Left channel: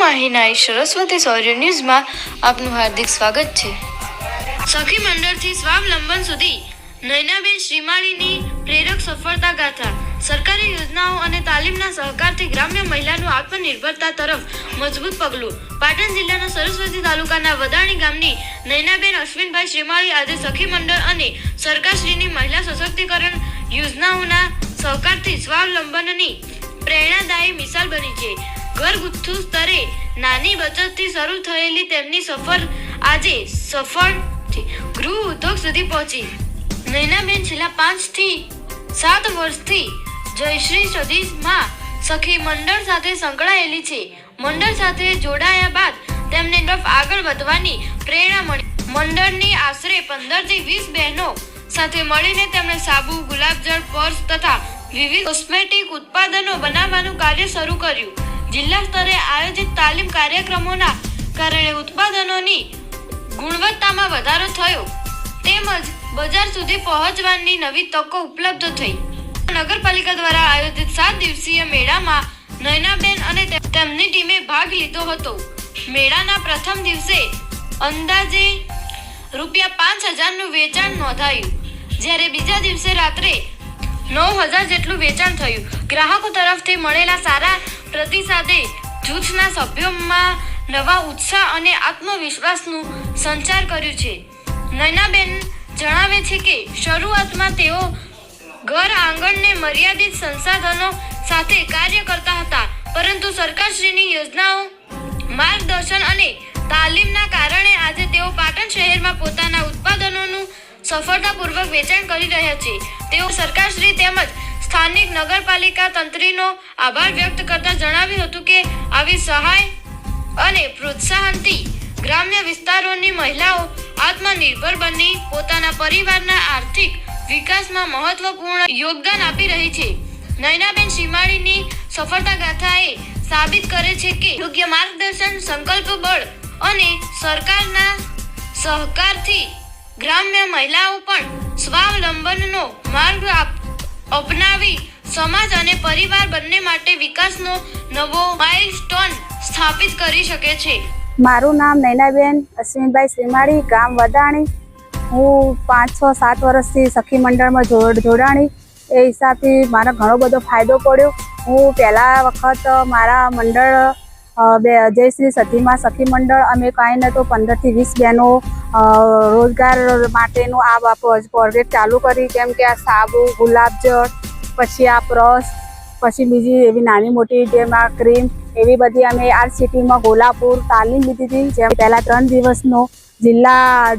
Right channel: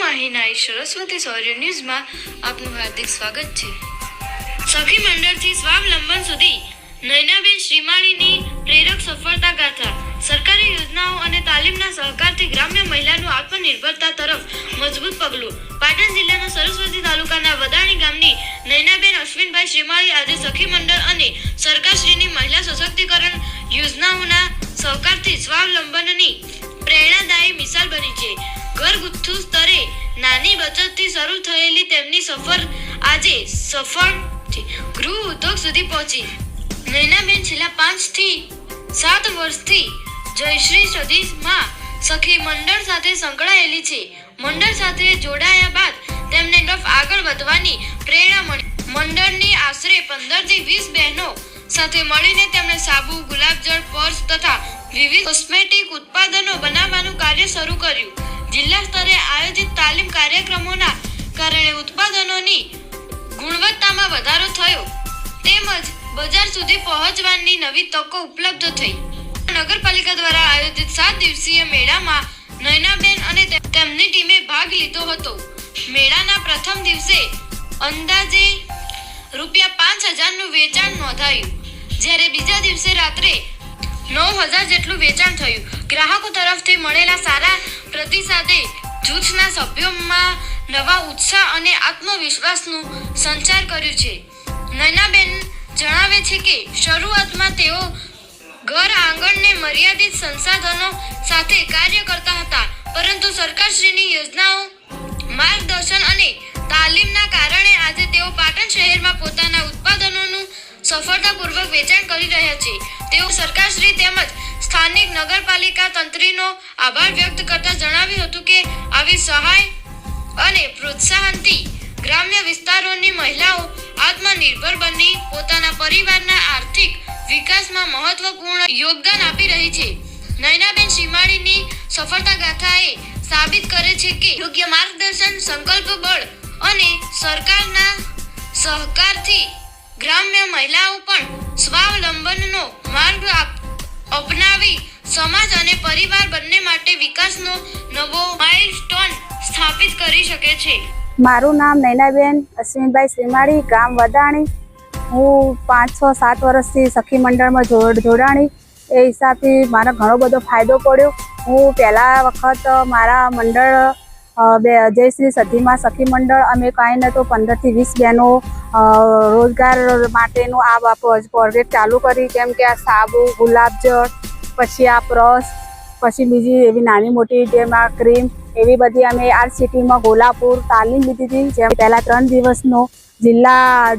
માહિનાઈ સરસ્વતી સૌર્ય ન્યૂઝમાં આપનું હાર્દિક સ્વાગત છે। સખી મંડળથી સ્વાવલંબન સુધી નયનાબેન શ્રીમાળીની પ્રેરક સફળતા ગાથા। સરકારી યોજનાઓ અને તાલીમના સહકારથી ગ્રામ્ય મહિલાનું આત્મનિર્ભરતા તરફ મજબૂત પગલું। પાટણ જિલ્લાના સરસ્વતી તાલુકાના વદાણી ગામની નયનાબેન અશ્વિનભાઈ શ્રીમાળી આજે સખી મંડળ અને સરકારશ્રીની મહિલા સશક્તિકરણ યોજનાઓના સહકારથી સ્વાવલંબનની પ્રેરણાદાયી મિસાલ બની છે। ઘરગથ્થુ સ્તરે નાની બચતથી શરૂ થયેલી તેમની સફર આજે સફળ ગૃહ ઉદ્યોગ સુધી પહોંચી। નયનાબેન છેલ્લા 5 થી 7 વર્ષથી જયશ્રી સદીમાં સખી મંડળ સાથે સંકળાયેલી છે। મંડળ સાથે જોડાયા બાદ તેમને આગળ વધવાની પ્રેરણા મળી। મંડળની આશરે 15 થી 20 બહેનો સાથે મળીને તેમણે સાબુ, ગુલાબજળ, પર્સ તથા વિવિધ કોસ્મેટિક ઉત્પાદનો બનાવવાનું કાર્ય શરૂ કર્યું। જિલ્લા સ્તરે આયોજિત તાલીમ કાર્યક્રમોના કારણે ઉત્પાદનોની ગુણવત્તામાં વધારો થયો તેમજ બજાર સુધી પહોંચવાની નવી તકો ઉપલબ્ધ થઈ। નગરપાલિકા દ્વારા આયોજિત 7 દિવસીય મેળામાં નયનાબેન અને તેમની ટીમે ભાગ લીધો હતો। મેળાના પ્રથમ દિવસે અંદાજે ₹5000નું વેચાણ નોંધાયું, જ્યારે બીજા દિવસે રાત્રે 9000 જેટલું વેચાણ થયું। ગ્રાહકો તરફથી મળેલા સારા પ્રતિસાદે જૂથના સભ્યોમાં નવા ઉત્સાહ અને આત્મવિશ્વાસનું સંચાર કર્યું છે। નયનાબેન જણાવે છે કે શરૂઆતમાં તેઓ ઘર આંગણને મર્યાદિત સંસાધનો સાથે કાર્ય કરતા હતા, પરંતુ સરકારશ્રીની યોજનાઓ, માર્ગદર્શન અને તાલીમના કારણે આજે તેઓ પાટણ શહેરમાં પોતાના ઉત્પાદનોનું સફળતાપૂર્વક વેચાણ કરી રહ્યા છે। તેઓ સરકારશ્રી તેમજ સ્થાનિક નગરપાલિકા તંત્રીનો આભાર વ્યક્ત કરતા જણાવ્યું હતું કે આવી સહાય અને પ્રોત્સાહનથી ગ્રામ્ય વિસ્તારોની મહિલાઓ આત્મનિર્ભર બની પોતાના પરિવારના આર્થિક વિકાસમાં મહત્વપૂર્ણ યોગદાન આપી રહી છે। નયનાબેન શ્રીમાળીની સફળતા ગાથાએ સાબિત કરે છે કે યોગ્ય માર્ગદર્શન, સંકલ્પ બળ અને સરકારના સહકારથી ગ્રામ્ય મહિલાઓ પણ સ્વાવલંબનનો માર્ગ અપનાવી સમાજ અને પરિવાર બંને માટે વિકાસનો નવો માઇલસ્ટોન સ્થાપિત કરી શકે છે। મારું નામ નયનાબેન અશ્વિનભાઈ શ્રીમાળી, ગામ વદાણી। હું 5, 6, 7 વર્ષથી સખી મંડળમાં જોડાણી। એ હિસાબથી મારો ઘણો બધો ફાયદો પડ્યો। હું પહેલા વખત મારા મંડળ જયશ્રી સધીમાં સખી મંડળ અમે કાંઈ ન તો 15 થી 20 બહેનો રોજગાર માટેનું આ પ્રોજેક્ટ ચાલુ કરી, કેમ કે આ સાબુ, ગુલાબજળ, પછી આ બ્રશ, પછી બીજી એવી નાની મોટી જેમ આ ક્રીમ, એવી બધી અમે આ સિટીમાં ગોલાપુર તાલીમ લીધી હતી। જેમ પહેલાં 3 દિવસનો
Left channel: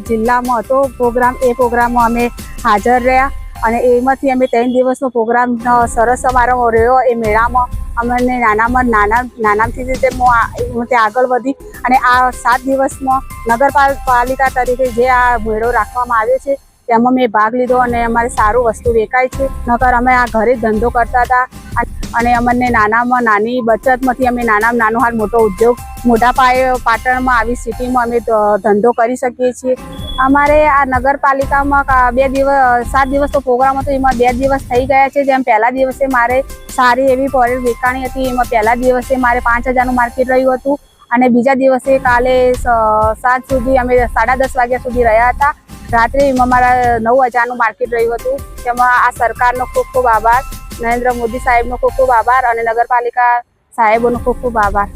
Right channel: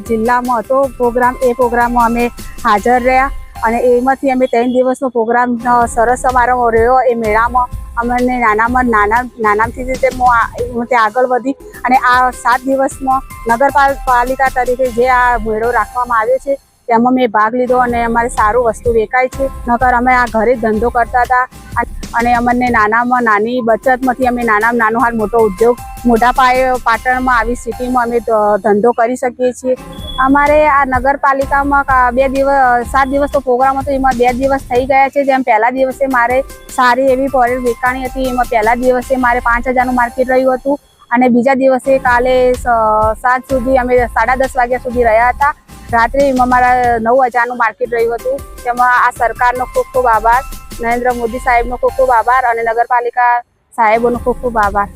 જિલ્લામાં હતો પ્રોગ્રામ, એ પ્રોગ્રામમાં અમે હાજર રહ્યા અને એમાંથી અમે 3 દિવસનો પ્રોગ્રામ સરસ અમારો રહ્યો। એ મેળામાં અમને નાનામથી રીતે હું તે આગળ વધી અને આ 7 દિવસમાં નગરપાલિકા તરીકે જે આ મેળો રાખવામાં આવ્યો છે તેમાં મેં ભાગ લીધો અને અમારે સારું વસ્તુ વેચાય છે। નકર અમે આ ઘરે જ ધંધો કરતા હતા અને અમને નાનામાં નાની બચતમાંથી અમે નાનામાં નાનો હાલ મોટો ઉદ્યોગ મોટા પાયે પાટણમાં આવી સિટીમાં અમે ધંધો કરી શકીએ છીએ। અમારે આ નગરપાલિકામાં 7 દિવસનો પ્રોગ્રામ હતો, એમાં 2 દિવસ થઈ ગયા છે। જેમ પહેલા દિવસે મારે સારી એવી પ્રોડક્ટ વેચાણી હતી, એમાં પહેલા દિવસે મારે 5000નું માર્કેટ રહ્યું હતું અને બીજા દિવસે કાલે 7 સુધી અમે 10:30 વાગ્યા સુધી રહ્યા હતા। રાત્રે એમાં મારા 9000નું માર્કેટ રહ્યું હતું। તેમાં આ સરકારનો ખૂબ ખૂબ આભાર, નરેન્દ્ર મોદી સાહેબનો ખૂબ ખૂબ આભાર અને નગરપાલિકા સાહેબોનો ખૂબ ખૂબ આભાર।